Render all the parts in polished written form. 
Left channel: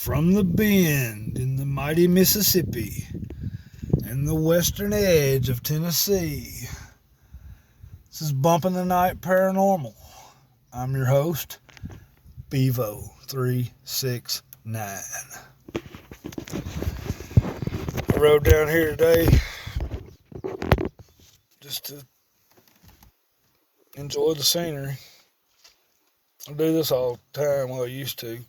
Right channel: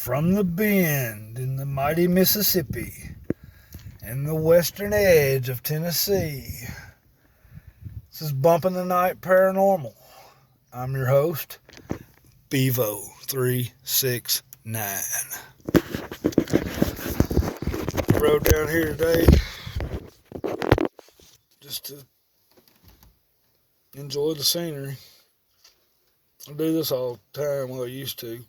From the bend in the mighty Mississippi and the western edge of Tennessee, this is Bumping the Night Paranormal. I'm your host, Bevo369. I rode down here today just to enjoy the scenery. I do this all the time, well I used to.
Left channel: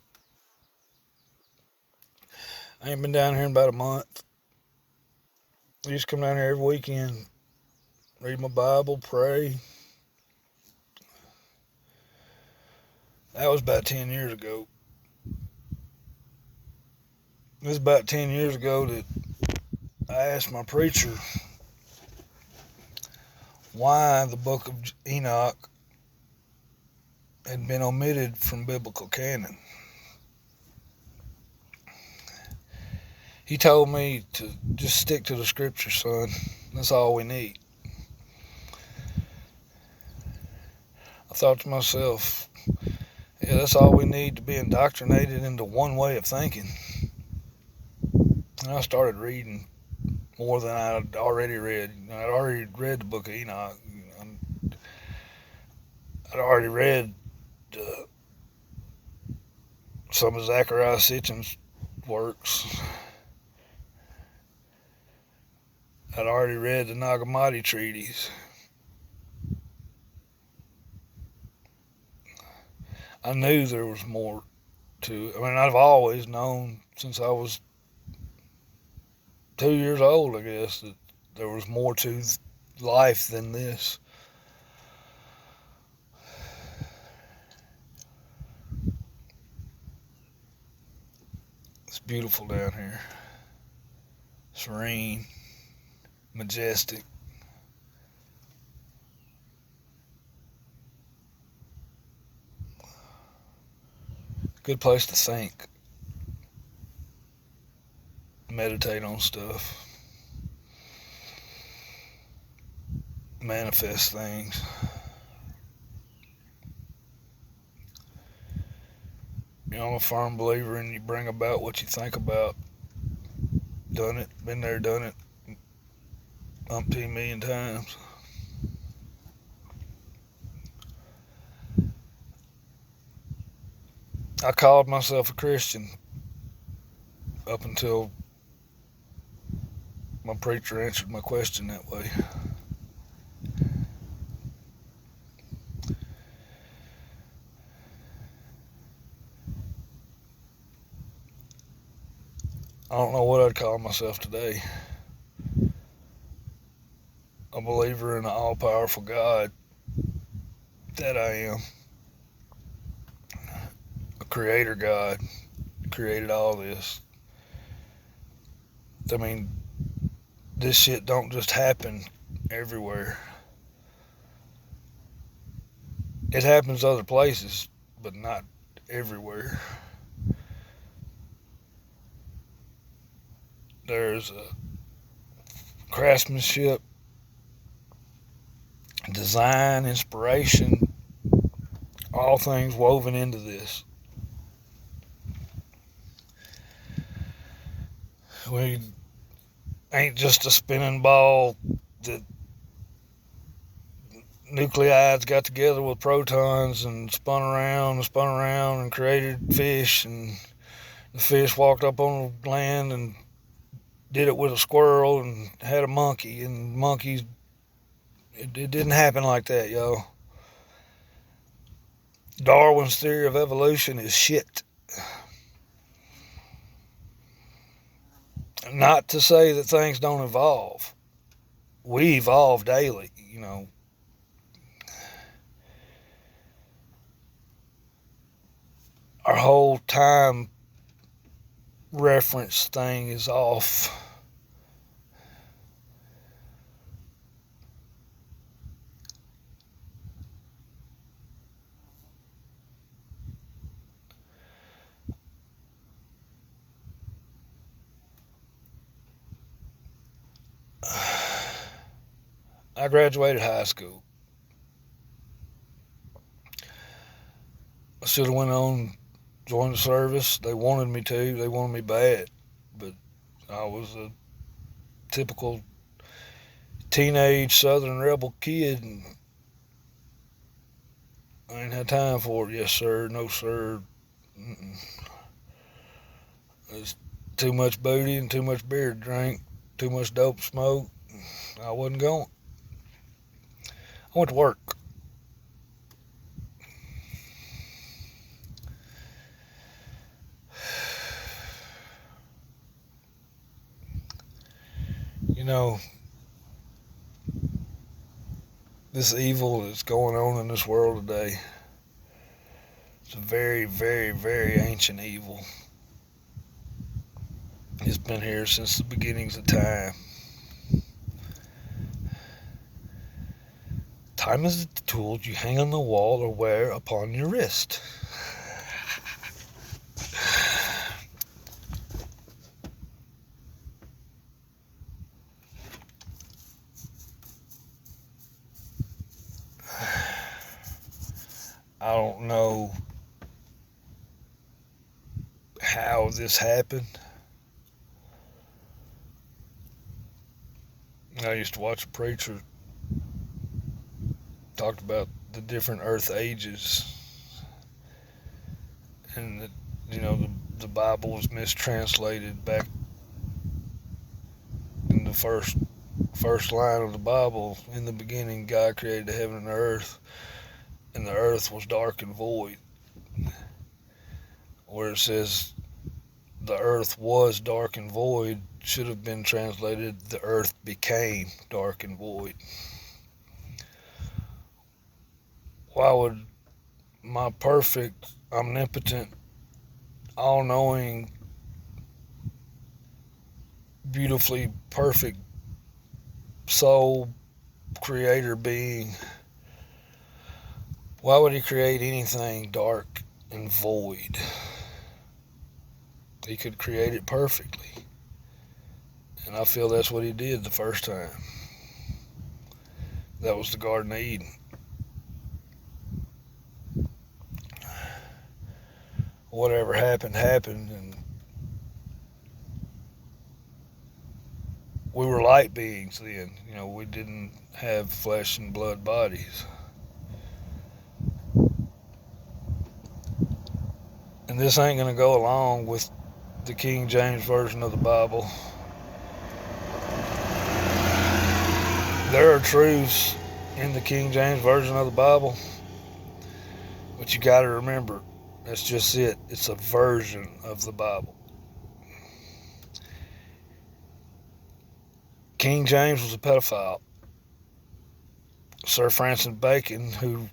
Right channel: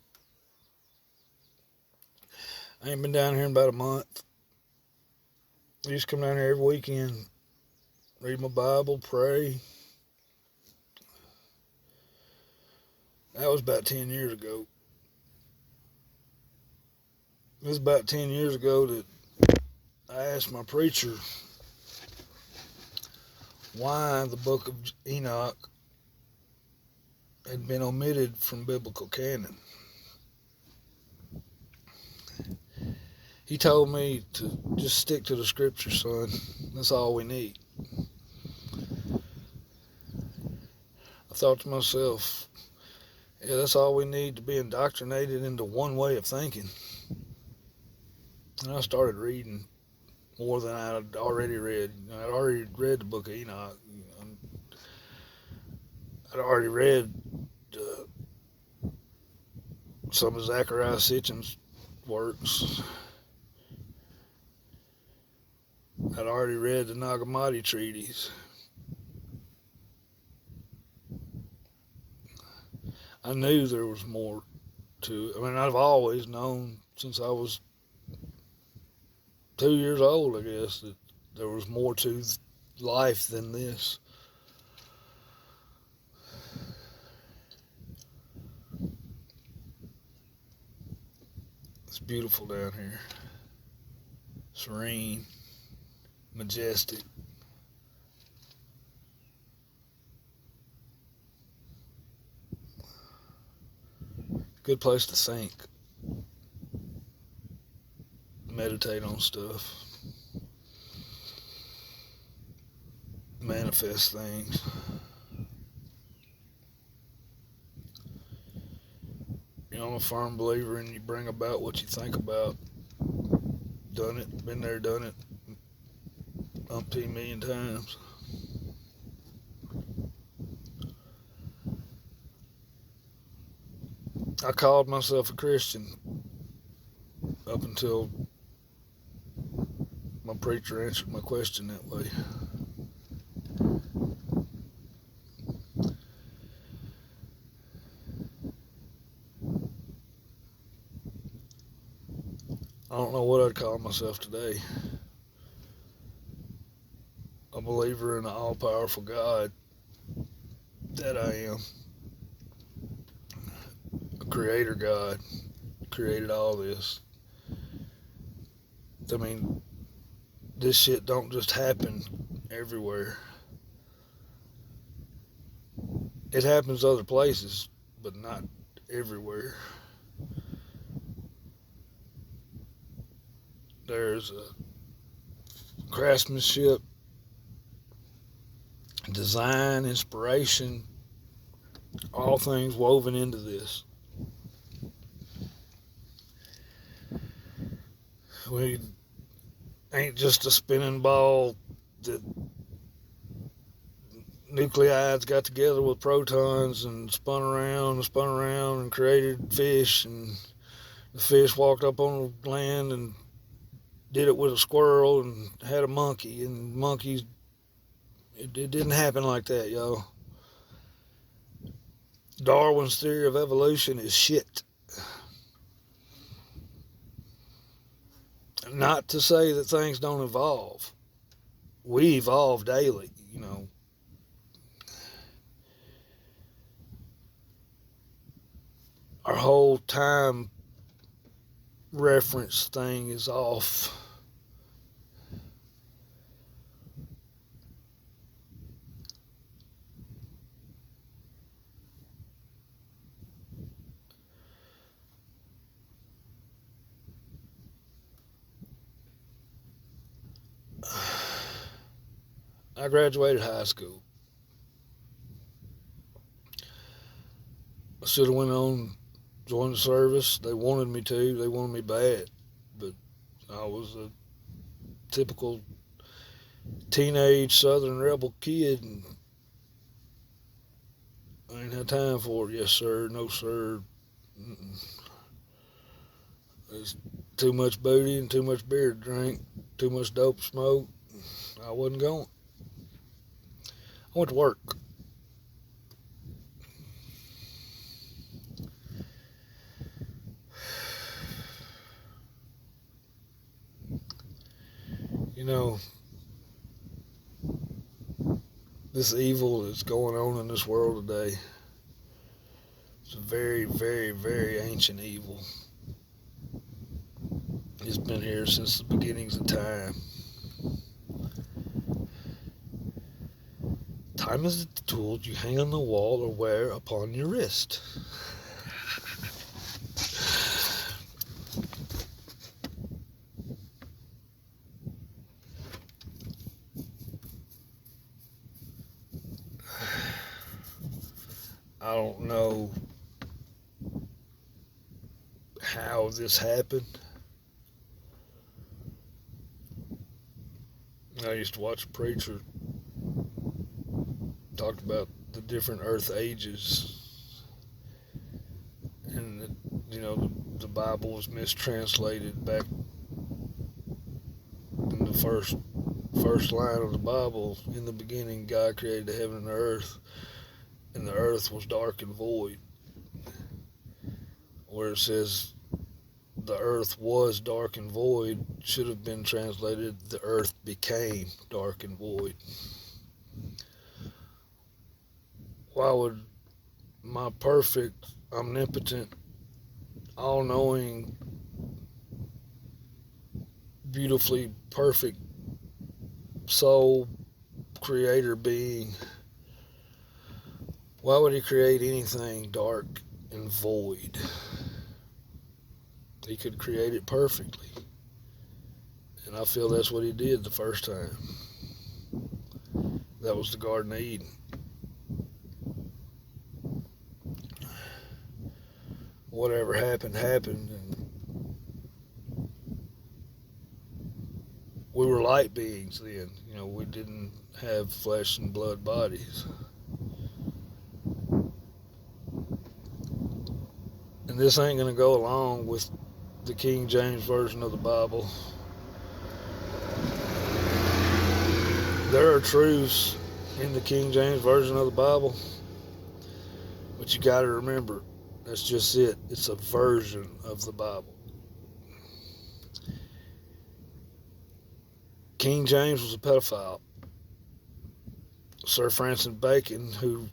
I ain't been down here in about a month. I used to come down here every weekend, read my Bible, pray. That was about 10 years ago. It was about 10 years ago that I asked my preacher why the book of Enoch had been omitted from biblical canon. He told me to just stick to the scripture, son. That's all we need. I thought to myself, yeah, that's all we need to be indoctrinated into one way of thinking. And I started reading more than I'd already read. I'd already read the book of Enoch. I'd already read some of Zachariah Sitchin's works. I'd already read the Nag Hammadi treaties. I knew there was more to it. I mean, I've always known since I was 2 years old, I guess, that there was more to life than this. It's beautiful down here. Serene, majestic. Good place to think. Meditate on stuff. Manifest things. You know, I'm a firm believer in you bring about what you think about. Done it, been there, done it umpteen million times. I called myself a Christian up until my preacher answered my question that way. I don't know what I'd call myself today. A believer in an all-powerful God. That I am. A creator God. Created all this. I mean, this shit don't just happen everywhere. It happens other places, but not everywhere. There's a craftsmanship, design, inspiration, all things woven into this. We ain't just a spinning ball that nuclides got together with protons and spun around and created fish, and the fish walked up on the land and did it with a squirrel and had a monkey, and monkeys, it didn't happen like that, y'all. Darwin's theory of evolution is shit. Not to say that things don't evolve. We evolve daily, you know. Our whole time reference thing is off. I graduated high school. I should have went on join the service. They wanted me to. They wanted me bad. But I was a typical teenage Southern rebel kid, and I ain't had time for it. Yes, sir. No, sir. Mm-mm. There's too much booty and too much beer to drink, too much dope to smoke. I wasn't going. I went to work. You know, this evil that's going on in this world today, it's a very, very, very ancient evil. It's been here since the beginnings of time. Time is the tool you hang on the wall or wear upon your wrist. I don't know how this happened. I used to watch a preacher talked about the different earth ages, and the Bible was mistranslated back in the first line of the Bible. In the beginning, God created the heaven and the earth was dark and void. Where it says the earth was dark and void should have been translated the earth became dark and void. Why would my perfect, omnipotent, all-knowing, beautifully perfect soul creator being, why would he create anything dark and void? He could create it perfectly. And I feel that's what he did the first time. That was the Garden of Eden. Whatever happened, and we were light beings then. We didn't have flesh and blood bodies. And this ain't going to go along with the King James Version of the Bible. There are truths in the King James Version of the Bible, but you got to remember, that's just it. It's a version of the Bible. King James was a pedophile. Sir Francis Bacon, who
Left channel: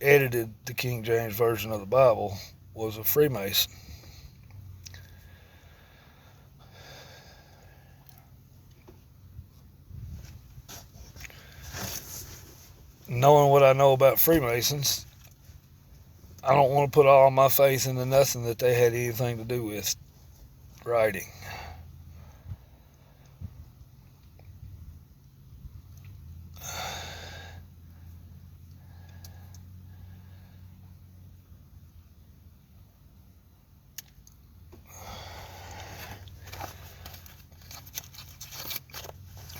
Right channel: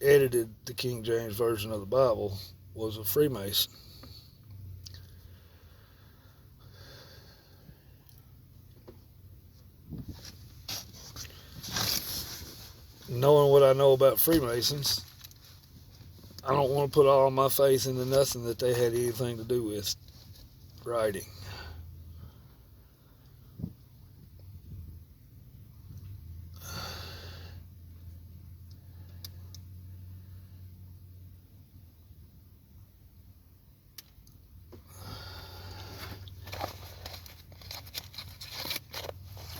edited the King James Version of the Bible, was a Freemason. Knowing what I know about Freemasons, I don't want to put all my faith into nothing that they had anything to do with writing.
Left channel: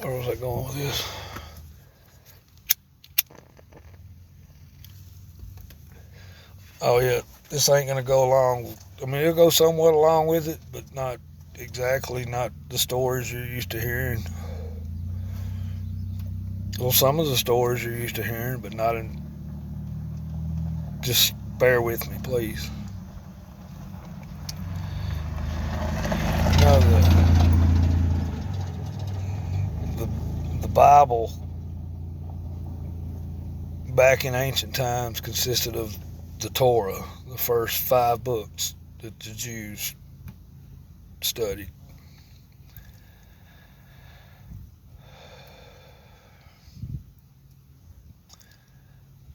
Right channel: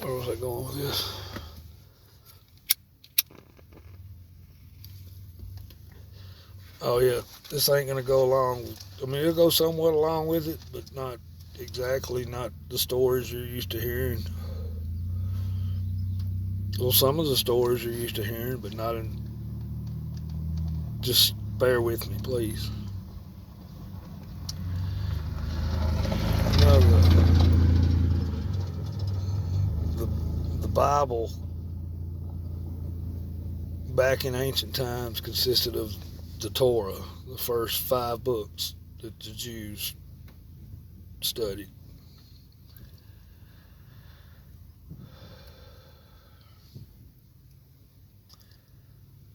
Where was I going with this? Oh yeah, this ain't gonna go along. I mean, it'll go somewhat along with it, but not exactly. Not the stories you're used to hearing. Well, some of the stories you're used to hearing, but not in. Just bear with me, please. The Bible back in ancient times consisted of the Torah, the first 5 books that the Jews studied.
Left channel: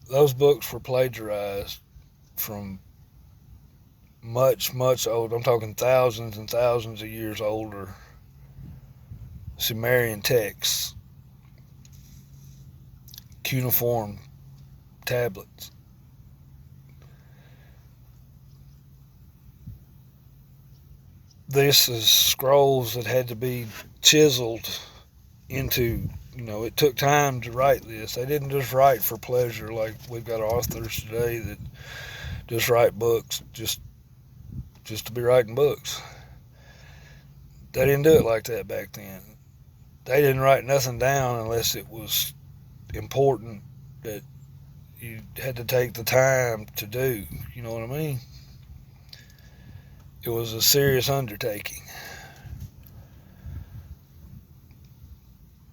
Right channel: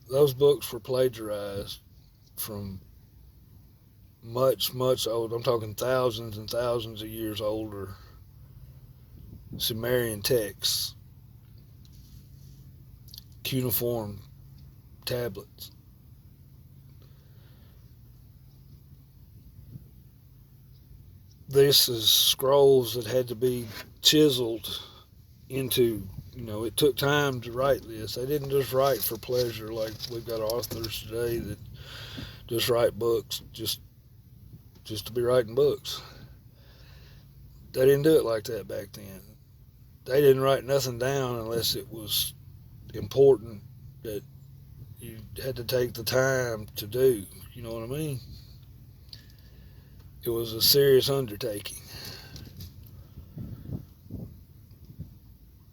Those books were plagiarized from much, much old. I'm talking thousands and thousands of years older Sumerian texts, cuneiform tablets. this is scrolls that had to be chiseled into, it took time to write this. They didn't just write for pleasure like we've got authors today that just write books just to be writing books. They didn't do it like that back then. They didn't write nothing down unless it was important that you had to take the time to do. You know what I mean? It was a serious undertaking.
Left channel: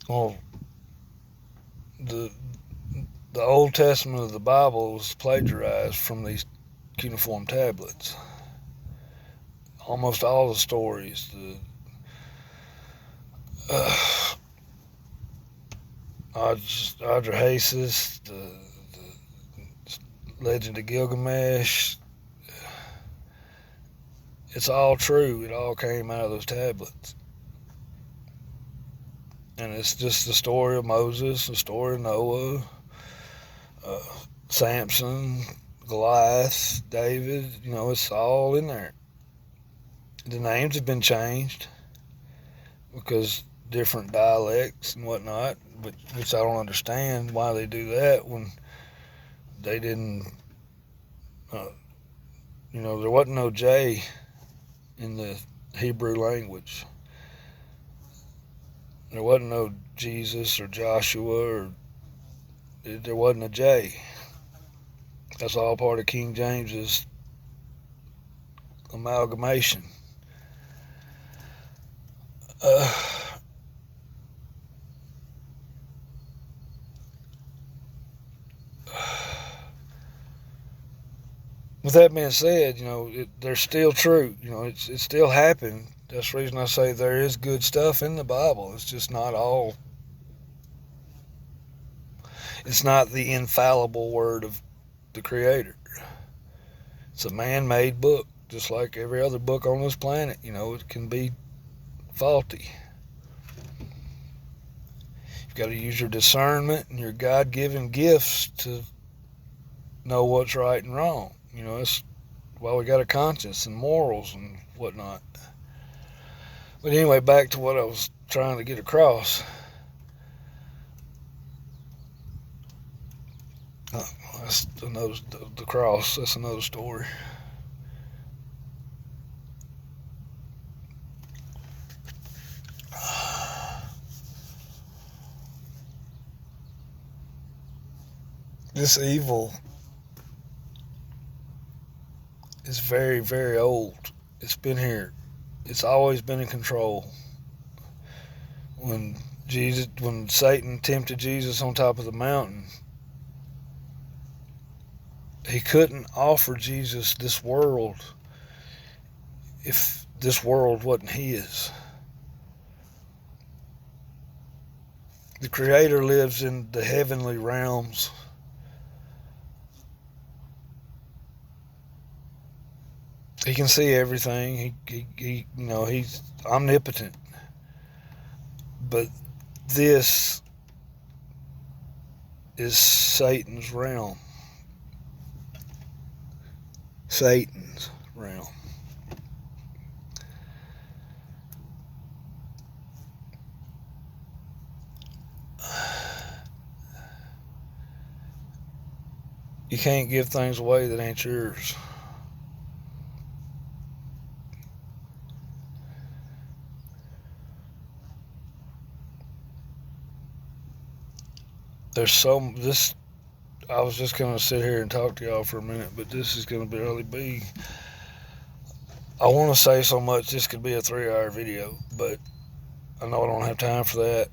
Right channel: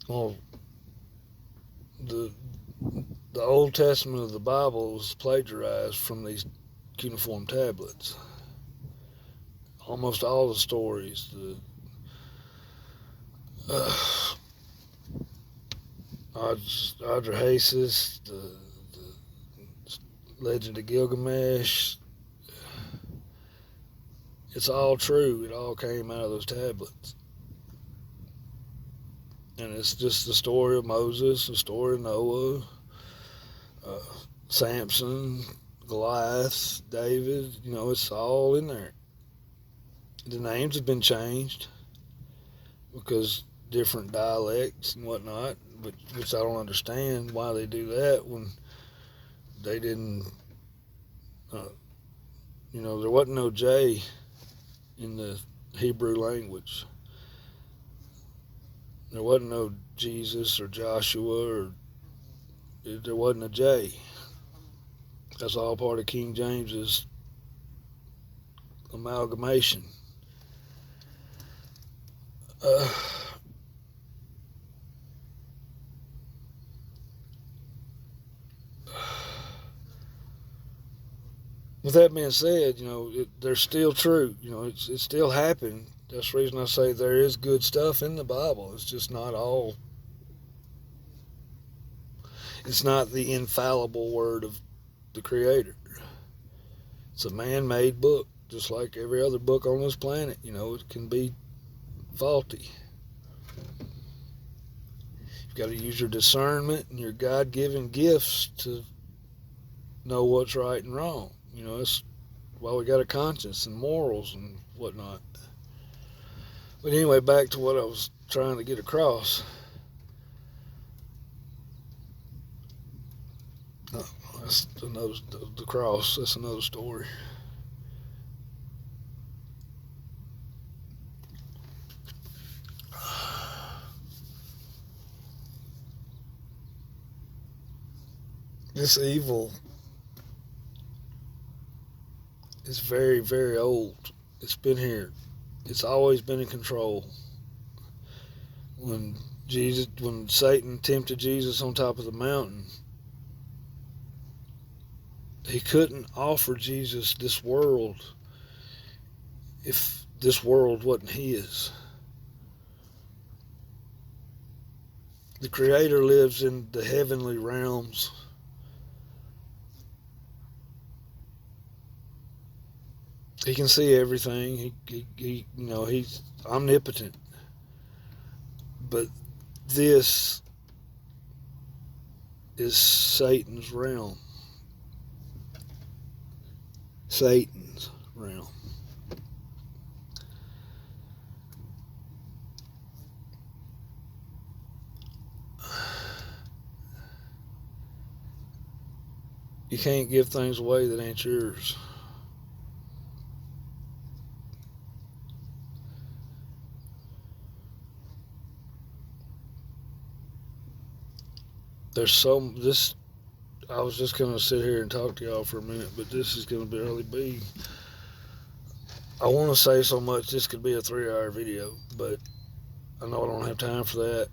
Well, the Old Testament of the Bible was plagiarized from these cuneiform tablets. Almost all the stories, the Adrahasis, the Legend of Gilgamesh, it's all true. It all came out of those tablets. And it's just the story of Moses, the story of Noah, Samson, Goliath, David. It's all in there. The names have been changed because different dialects and whatnot, which I don't understand why they do that when they didn't, there wasn't no J in the Hebrew language. There wasn't no Jesus or Joshua, or there wasn't a J. That's all part of King James's amalgamation. With that being said, they're still true. It still happened. That's the reason I say there is good stuff in the Bible. It's just not all. It's not the infallible word of the Creator. It's a man-made book, just like every other book on this planet. It can be faulty. You've got to use your discernment and your God-given gifts to know what's right and wrong. That's why we got a conscience and morals and whatnot. But anyway, back to what I was trying to get across. That's another, the cross, that's another story. This evil is very, very old. It's been here. It's always been in control. When Satan tempted Jesus on top of the mountain, he couldn't offer Jesus this world if this world wasn't his. The Creator lives in the heavenly realms. He can see everything. He's omnipotent. But this is Satan's realm. Satan's realm. You can't give things away that ain't yours. I was just going to sit here and talk to y'all for a minute, but this is going to really be, I want to say so much, this could be a 3-hour video, but I know I don't have time for that.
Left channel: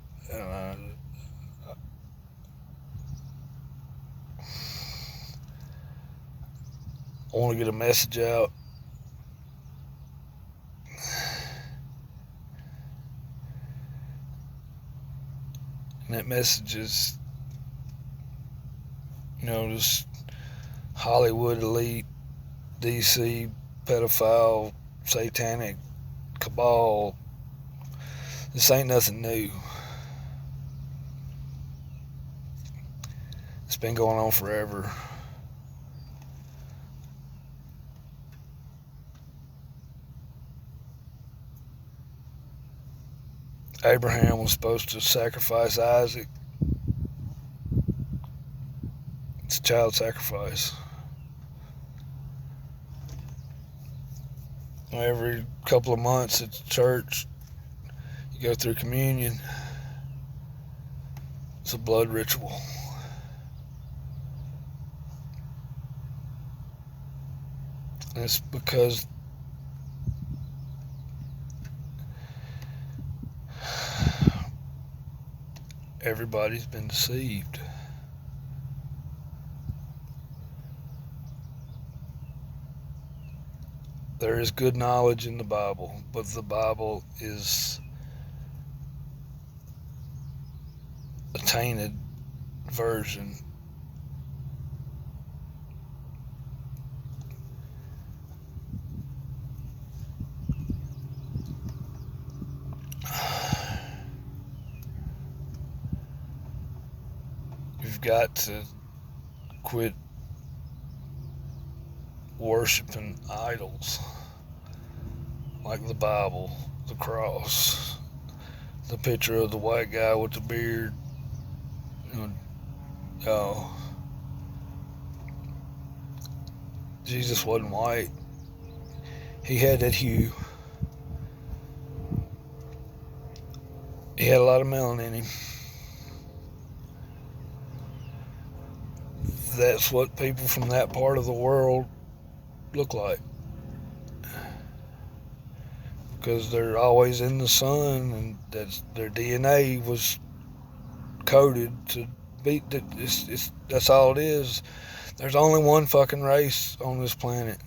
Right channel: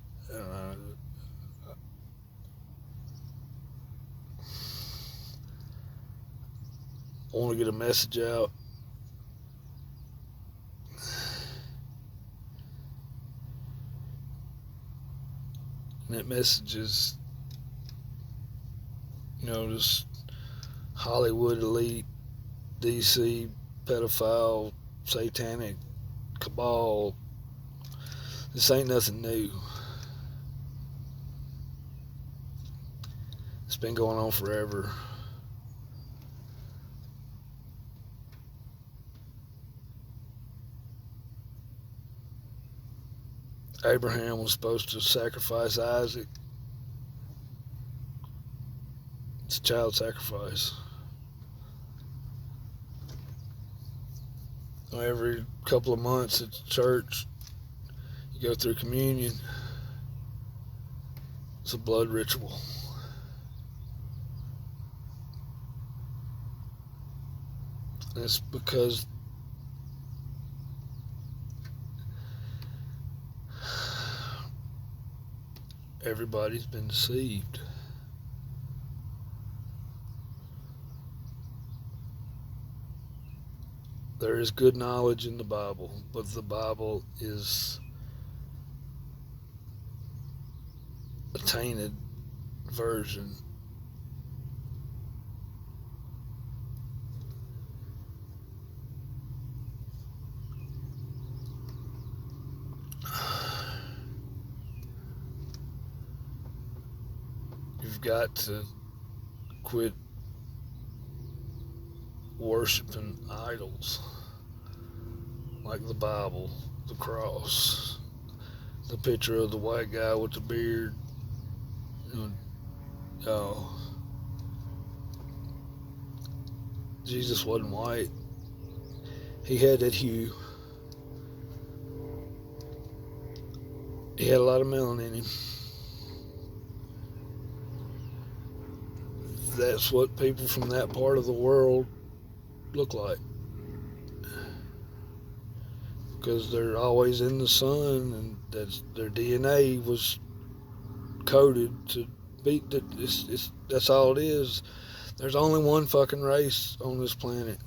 I want to get a message out. And that message is, this Hollywood elite, DC, pedophile, satanic cabal. This ain't nothing new. It's been going on forever. Abraham was supposed to sacrifice Isaac. It's child sacrifice. Every couple of months at church, you go through communion. It's a blood ritual. And it's because everybody's been deceived. There is good knowledge in the Bible, but the Bible is a tainted version. You've got to quit worshiping idols like the Bible, the cross, the picture of the white guy with the beard. Jesus wasn't white. He had that hue. He had a lot of melanin in him. That's what people from that part of the world look like, because they're always in the sun, and their DNA was coded to be. That's all it is. There's only one fucking race on this planet.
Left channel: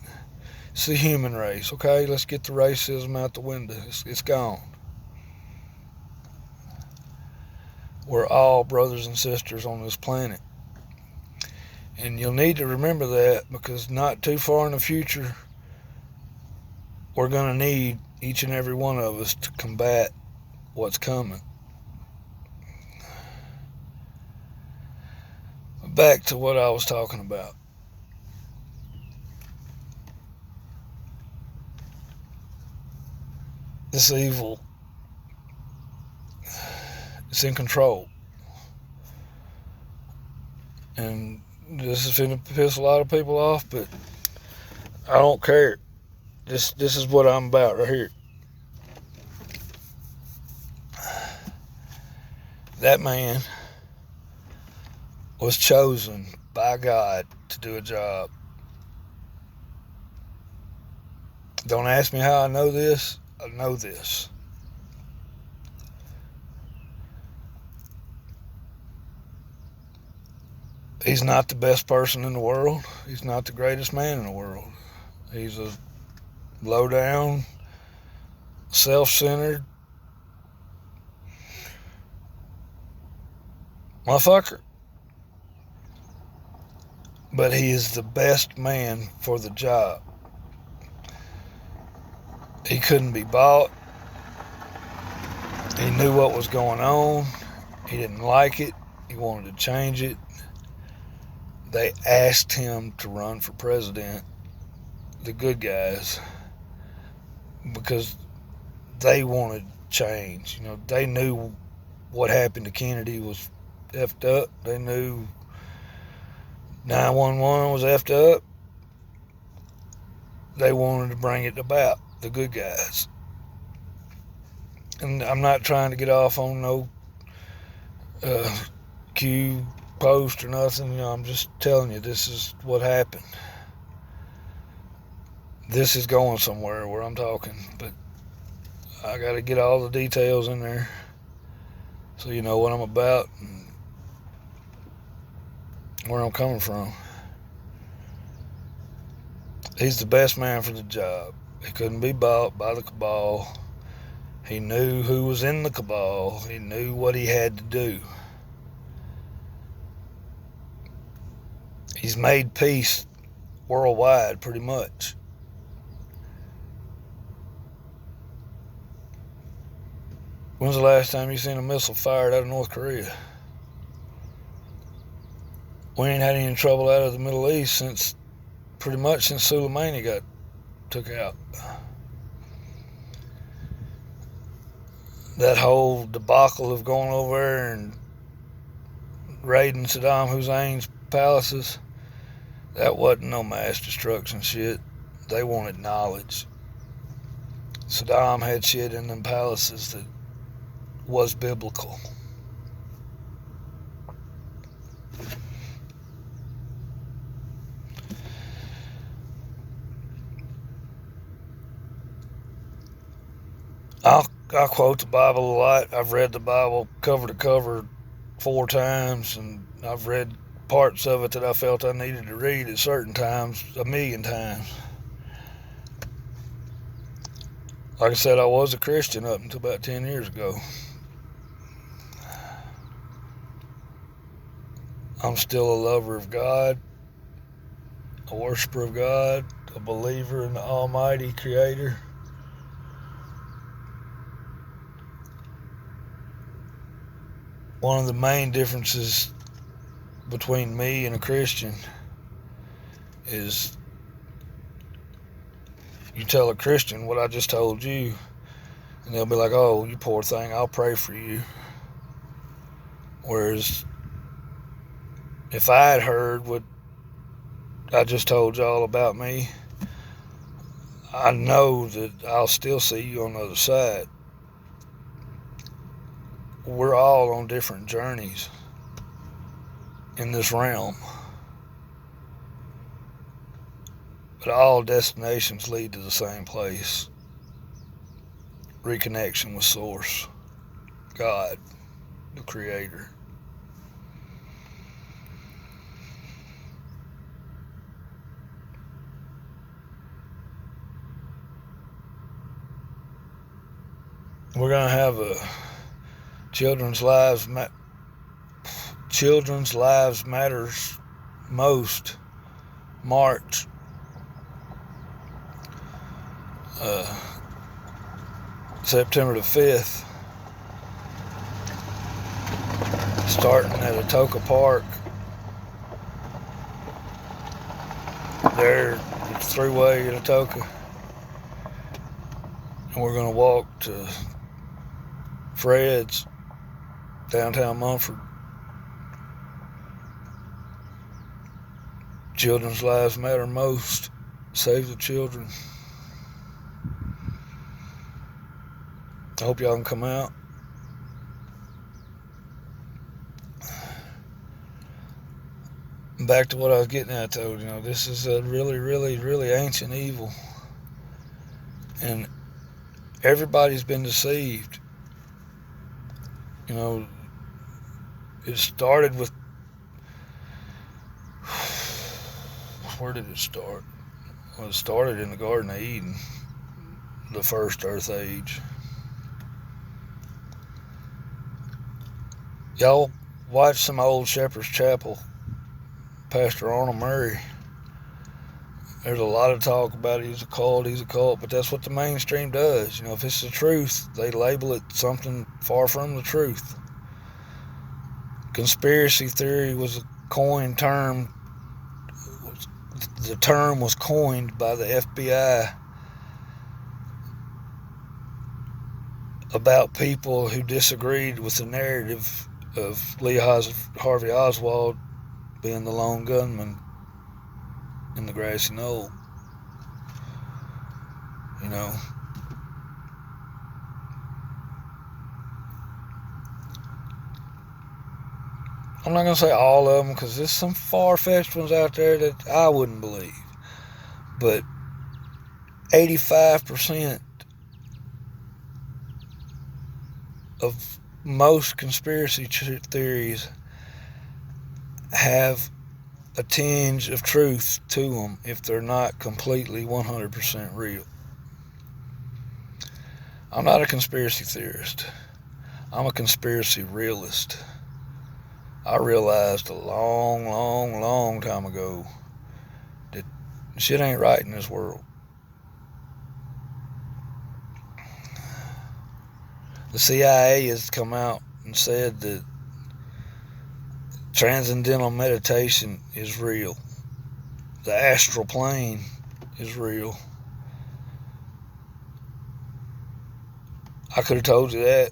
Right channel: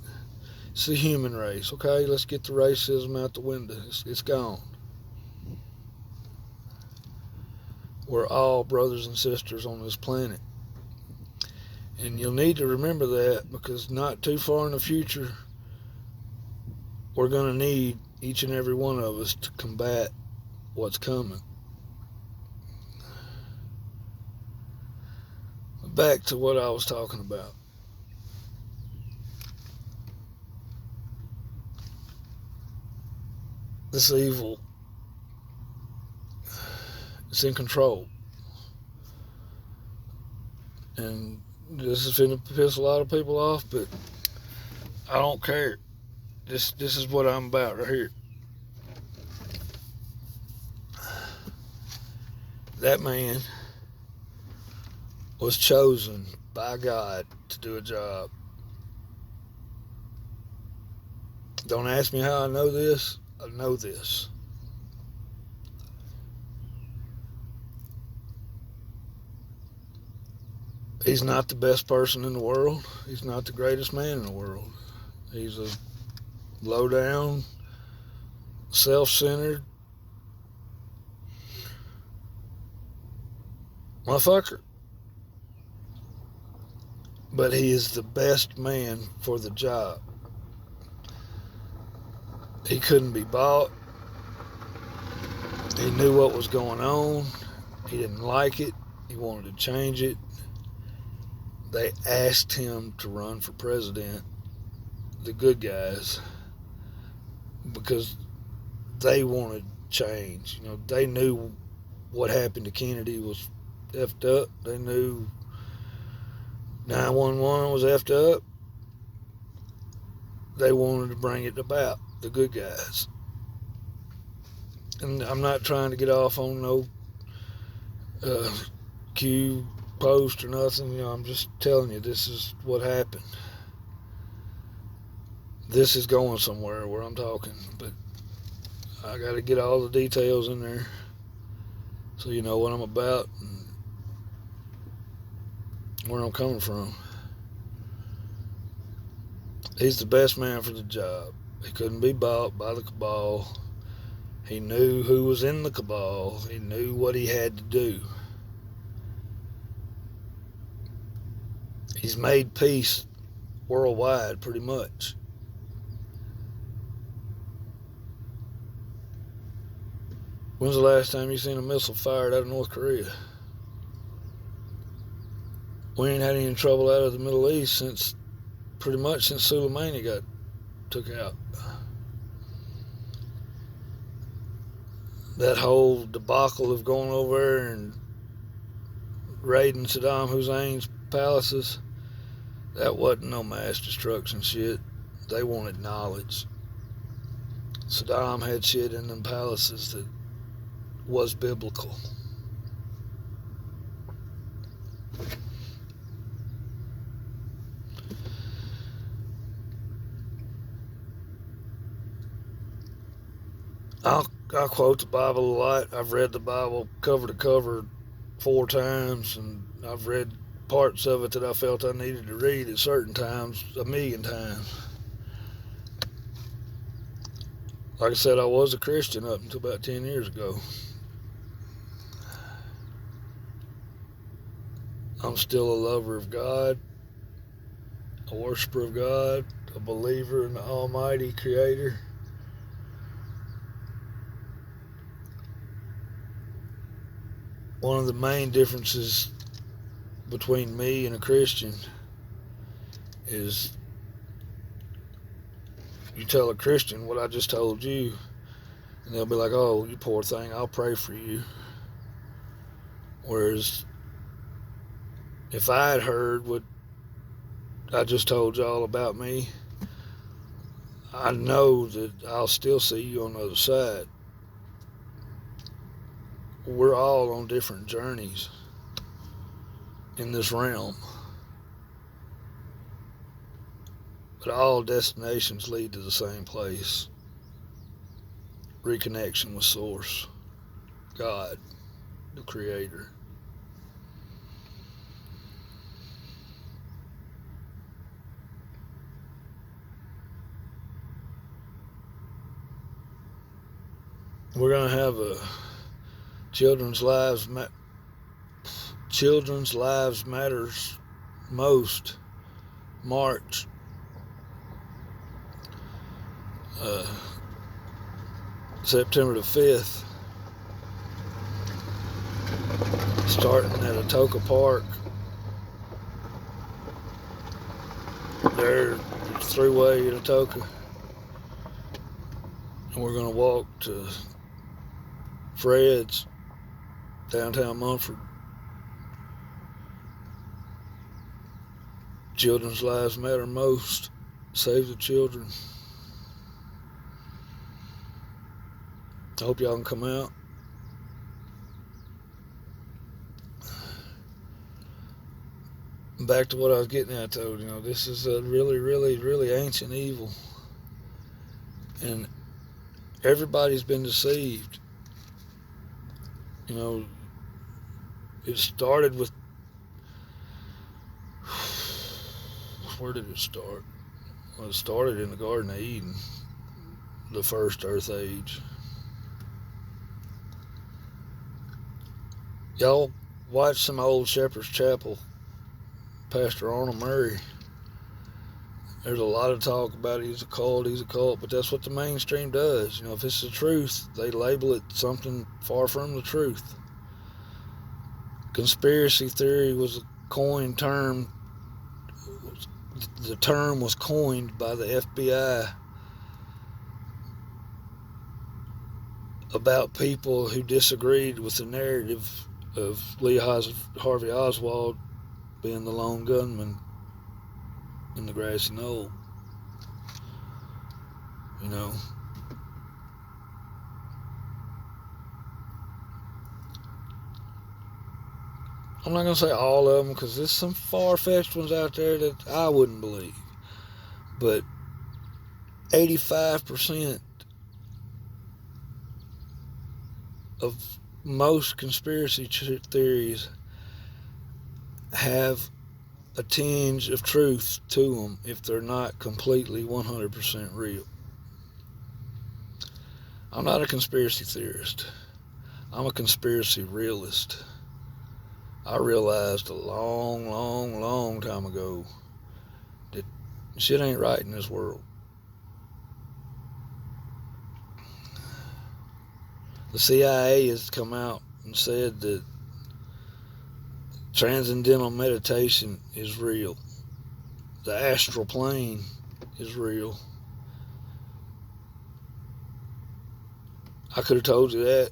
It's the human race. Okay, let's get the racism out the window. It's gone. We're all brothers and sisters on this planet. And you'll need to remember that, because not too far in the future, we're going to need each and every one of us to combat what's coming. Back to what I was talking about. This evil, it's in control. And this is going to piss a lot of people off, but I don't care. This is what I'm about right here. That man was chosen by God to do a job. Don't ask me how I know this. I know this. He's not the best person in the world. He's not the greatest man in the world. He's a low-down, self-centered motherfucker. But he is the best man for the job. He couldn't be bought. He knew what was going on. He didn't like it. He wanted to change it. They asked him to run for president, the good guys, because they wanted change. You know, they knew what happened to Kennedy was effed up. They knew 911 was effed up. They wanted to bring it about, the good guys. And I'm not trying to get off on no Q post or nothing. You know, I'm just telling you, this is what happened. This is going somewhere where I'm talking, but I got to get all the details in there so you know what I'm about and where I'm coming from. He's the best man for the job. He couldn't be bought by the cabal. He knew who was in the cabal. He knew what he had to do. He's made peace worldwide, pretty much. When's the last time you seen a missile fired out of North Korea? We ain't had any trouble out of the Middle East since Soleimani got took out. that whole debacle of going over there and raiding Saddam Hussein's palaces, that wasn't no mass destruction shit. They wanted knowledge. Saddam had shit in them palaces that was biblical. I quote the Bible a lot. I've read the Bible cover to cover 4 times, and I've read parts of it that I felt I needed to read at certain times 1,000,000 times. Like I said, I was a Christian up until about 10 years ago. I'm still a lover of God, a worshiper of God, a believer in the Almighty Creator. One of the main differences between me and a Christian is you tell a Christian what I just told you, and they'll be like, "Oh, you poor thing, I'll pray for you." Whereas if I had heard what I just told y'all about me, I know that I'll still see you on the other side. We're all on different journeys in this realm, but all destinations lead to the same place: reconnection with Source, God, the Creator. We're gonna have a Children's Lives Matters Most March, September the 5th, starting at Atoka Park. There, it's Thruway at Atoka, and we're gonna walk to Fred's, downtown Mumford. Children's lives matter most. Save the children. I hope y'all can come out. Back to what I was getting at, though. This is a really, really, really ancient evil, and everybody's been deceived. It started with, where did it start? Well, it started in the Garden of Eden, the first Earth Age. Y'all watch some old Shepherd's Chapel, Pastor Arnold Murray. There's a lot of talk about he's a cult, but that's what the mainstream does. If it's the truth, they label it something far from the truth. Conspiracy theory was a coined term. The term was coined by the FBI about people who disagreed with the narrative of Lee Harvey Oswald being the lone gunman in the grassy knoll. I'm not going to say all of them, because there's some far-fetched ones out there that I wouldn't believe. But 85% of most conspiracy theories have a tinge of truth to them if they're not completely 100% real. I'm not a conspiracy theorist. I'm a conspiracy realist. I realized a long, long, long time ago that shit ain't right in this world. The CIA has come out and said that transcendental meditation is real. The astral plane is real. I could have told you that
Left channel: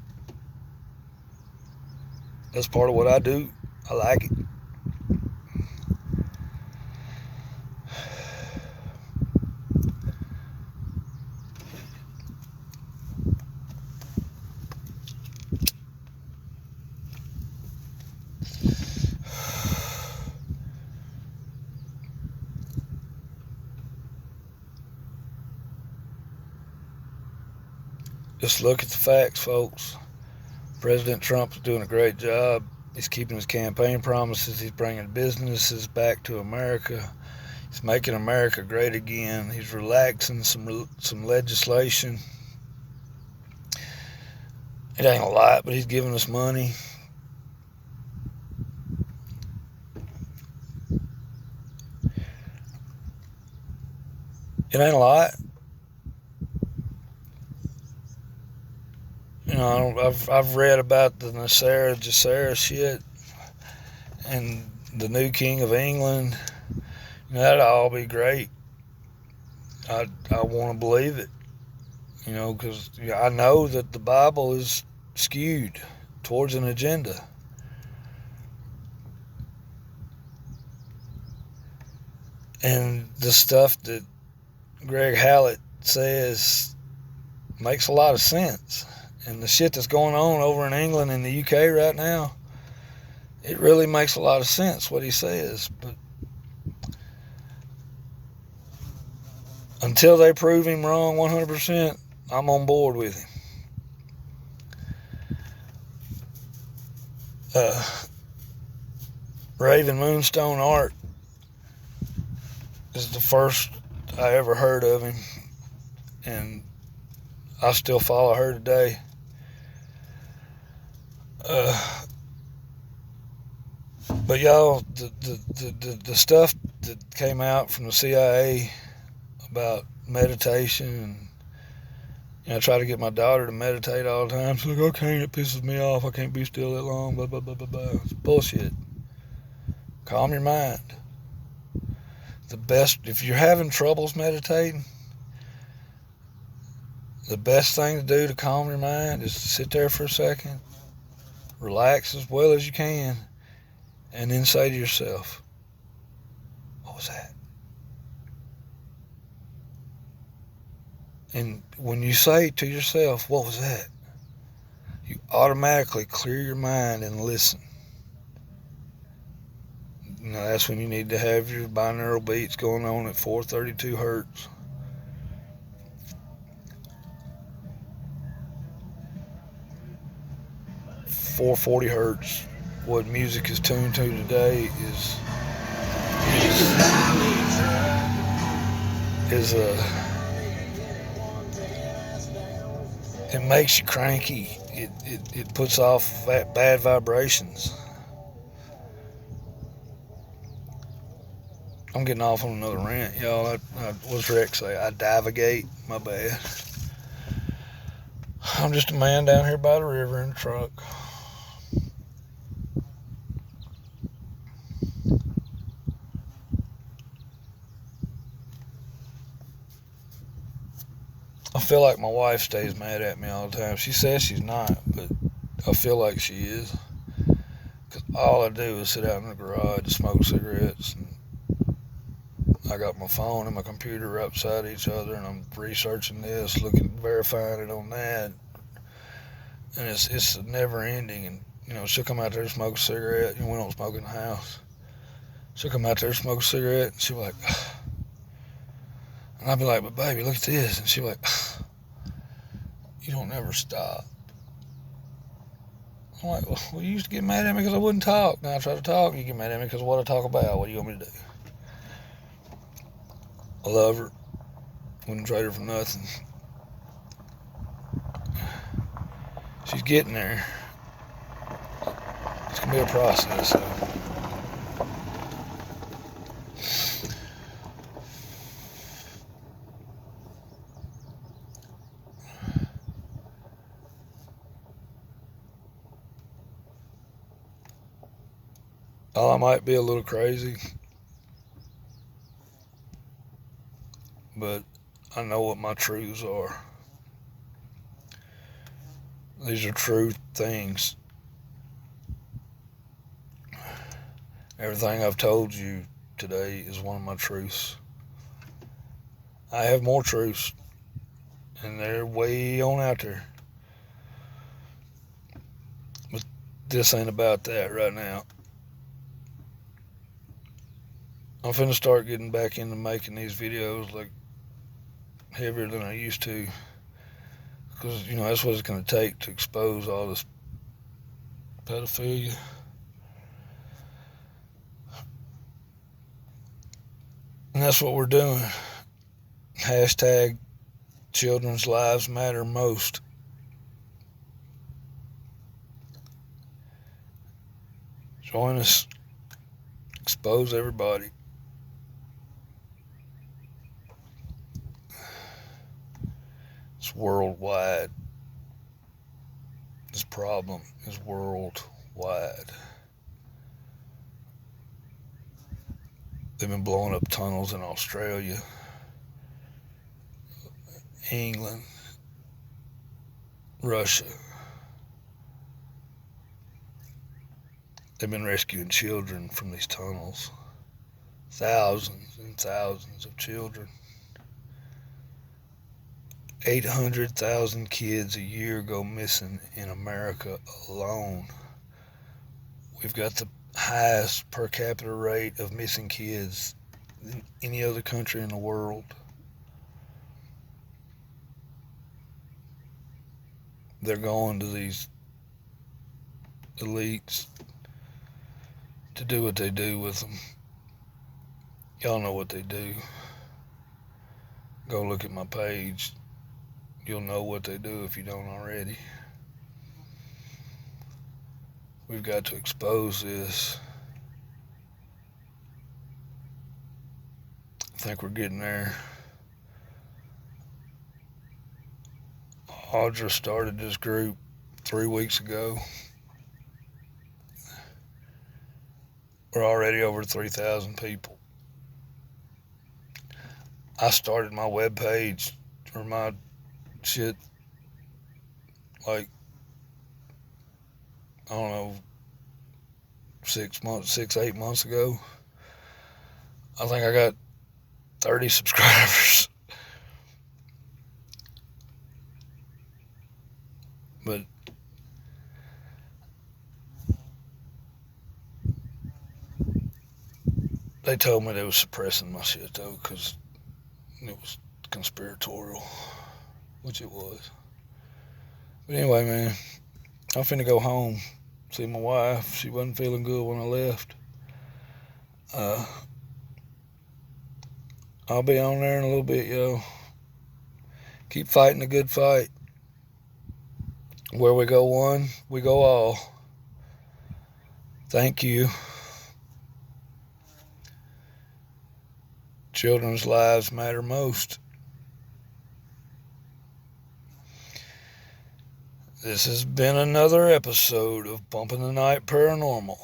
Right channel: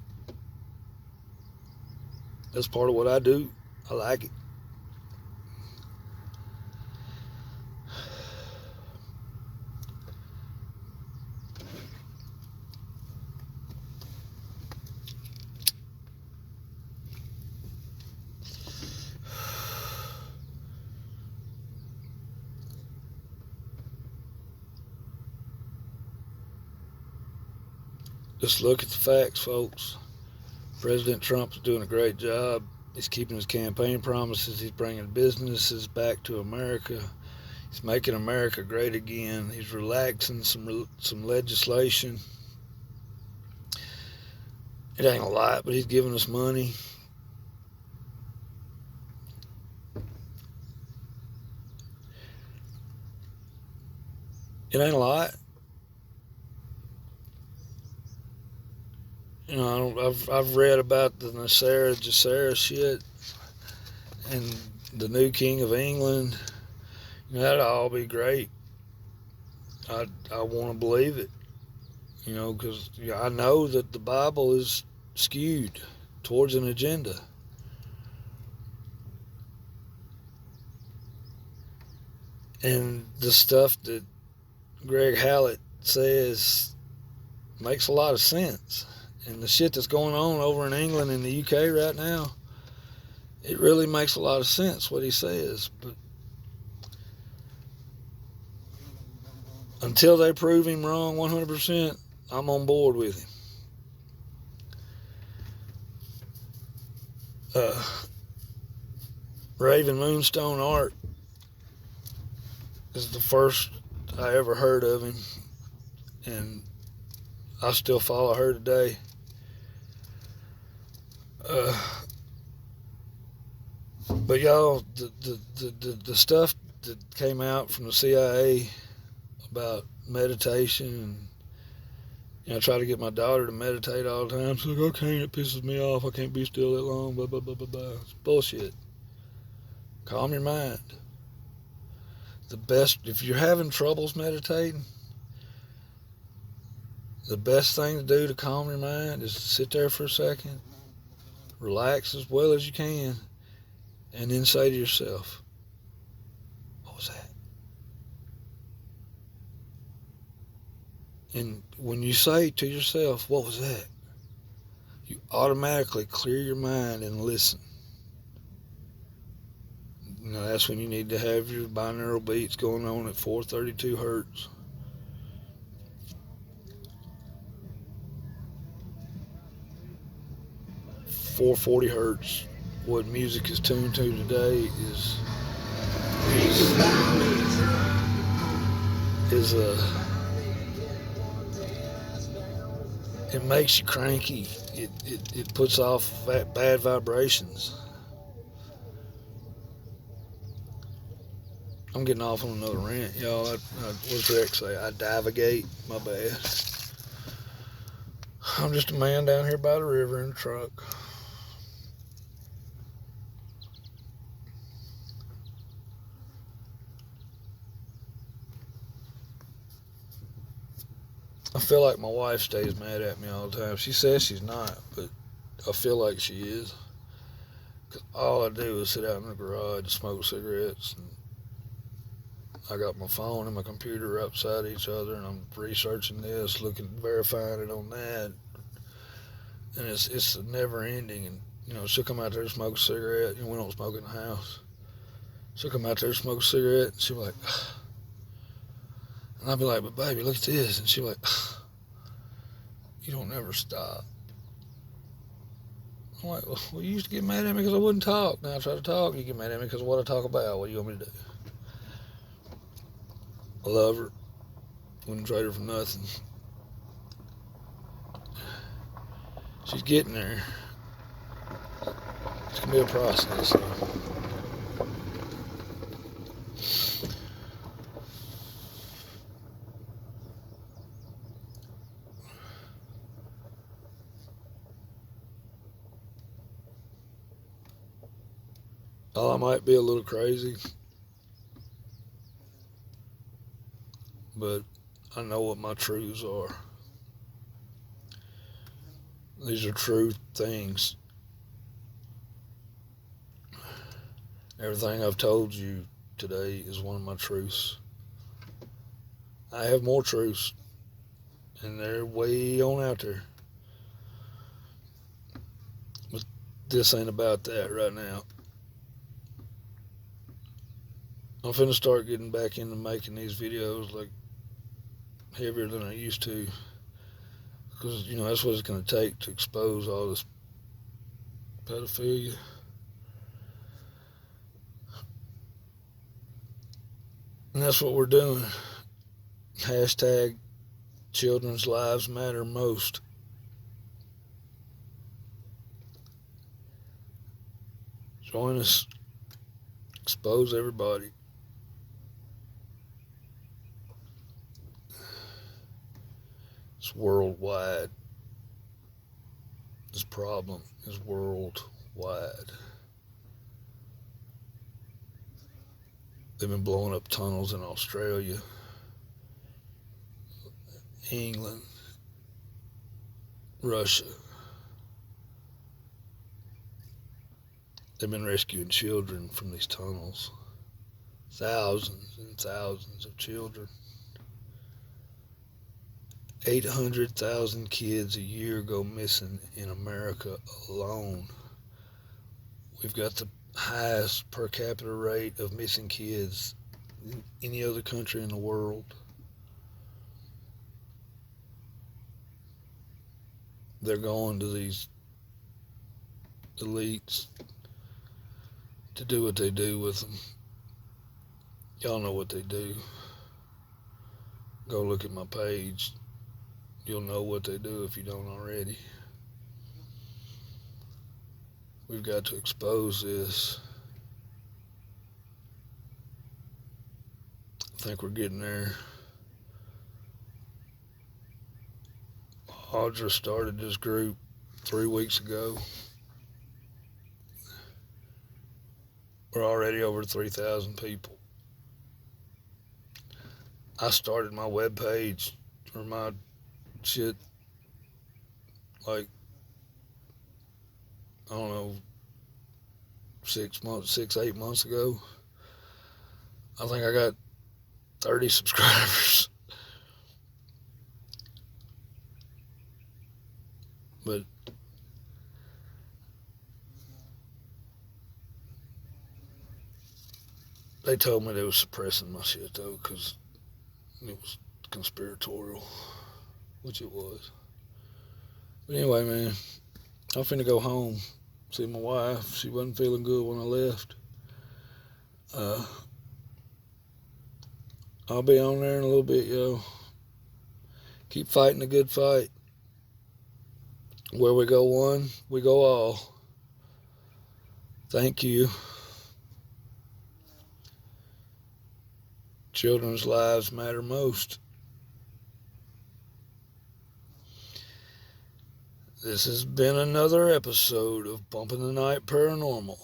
That's part of what I do. I like it. Just look at the facts, folks. President Trump is doing a great job. He's keeping his campaign promises. He's bringing businesses back to America. He's making America great again. He's relaxing some legislation. It ain't a lot, but he's giving us money. It ain't a lot. You know, I've read about the Nasser shit and the new King of England. You know, that'd all be great. I want to believe it. You know, because I know that the Bible is skewed towards an agenda. And the stuff that Greg Hallett says makes a lot of sense. And the shit that's going on over in England and the UK right now, it really makes a lot of sense what he says. But until they prove him wrong 100%, I'm on board with him. Raven Moonstone Art is the first I ever heard of him, and I still follow her today. But y'all, the stuff that came out from the CIA about meditation, and I try to get my daughter to meditate all the time. She's like, I can't, it pisses me off, I can't be still that long, blah, blah, blah, blah, blah. It's bullshit. Calm your mind. The best, if you're having troubles meditating, the best thing to do to calm your mind is to sit there for a second, relax as well as you can, and then say to yourself, what was that? And when you say to yourself, what was that? You automatically clear your mind and listen. Now that's when you need to have your binaural beats going on at 432 hertz. .440 hertz. What music is tuned to today is it makes you cranky. It puts off bad vibrations. I'm getting off on another rant, y'all. What's Rex say? I divagate. My bad. I'm just a man down here by the river in a truck. I feel like my wife stays mad at me all the time. She says she's not, but I feel like she is. Because all I do is sit out in the garage and smoke cigarettes. And I got my phone and my computer right beside each other, and I'm researching this, verifying it on that. And it's never ending. And, she'll come out there and smoke a cigarette. We don't smoke in the house. She'll come out there and smoke a cigarette, and she'll be like, and I'll be like, but baby, look at this. And she'll be like, you don't never stop. I'm like, well, you used to get mad at me because I wouldn't talk. Now I try to talk, you get mad at me because of what I talk about. What do you want me to do? I love her. Wouldn't trade her for nothing. She's getting there. It's going to be a process, so. I might be a little crazy, but I know what my truths are. These are true things. Everything I've told you today is one of my truths. I have more truths, and they're way on out there. But this ain't about that right now. I'm finna start getting back into making these videos like heavier than I used to. Because, that's what it's going to take to expose all this pedophilia. And that's what we're doing. Hashtag children's lives matter most. Join us. Expose everybody. It's worldwide. This problem is worldwide. They've been blowing up tunnels in Australia, England, Russia. They've been rescuing children from these tunnels. Thousands and thousands of children. 800,000 kids a year go missing in America alone. We've got the highest per capita rate of missing kids than any other country in the world. They're going to these elites to do what they do with them. Y'all know what they do. Go look at my page. You'll know what they do if you don't already. We've got to expose this. I think we're getting there. Audra started this group 3 weeks ago. We're already over 3,000 people. I started my webpage or my shit like, I don't know, 8 months ago. I think I got 30 subscribers. But they told me they was suppressing my shit though, because it was conspiratorial, which it was. But anyway, man, I'm finna go home, see my wife. She wasn't feeling good when I left. I'll be on there in a little bit, yo. Keep fighting the good fight. Where we go one, we go all. Thank you. Children's lives matter most. This has been another episode of Bumping the Night Paranormal.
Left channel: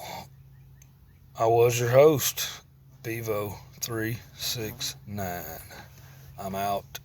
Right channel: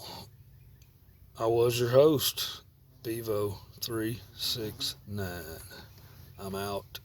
I was your host, Bevo369. I'm out.